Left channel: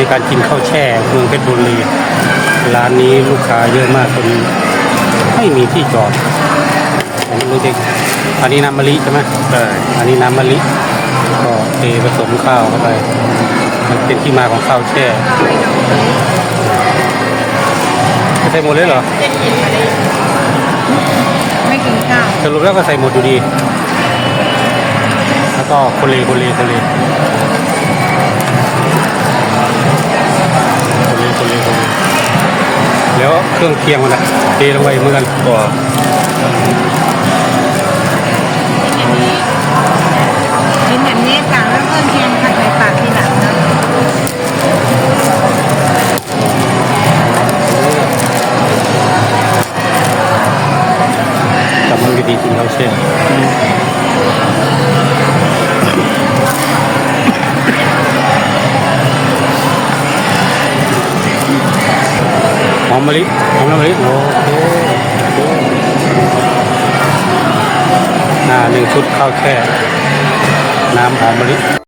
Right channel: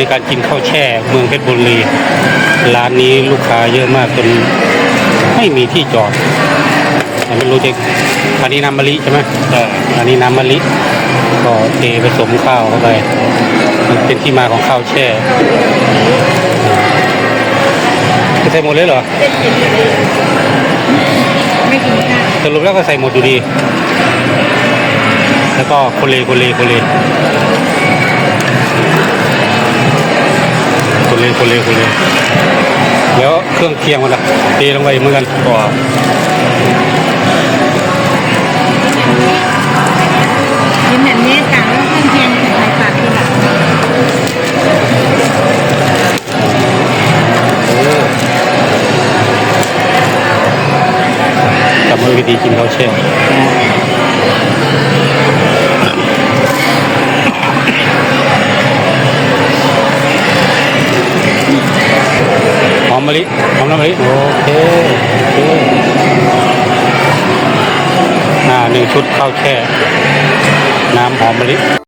ในการกินข้าวแช่เมืองเพชรบุรีร้านนี้ลูกค้าเยอะมากจนไม่มีที่จอดไม่รู้จะอันนี้น้ำมะลิใช่ไหมอันนี้น้ำมะลิก็เทผสมข้าวเข้าไปมันเป็นที่มาของข้าวแช่จะใส่หมดเลยเหรอไม่กินข้าวสรุปแล้วก็ใส่หมดอยู่ดีแล้วก็คนเลเดี๋ยวเครื่องเคียงมันเทลงไปเหมือนกันก็กินแบบนี้สั่งแล้วเครื่องเคียงผัดไทยปากทีหลังกลับมาวิธีกินข้าวแช่หอมมะลิหอมน้ำมะลิโอเค1 ชุดข้าวแช่น้ำหอมมะลิ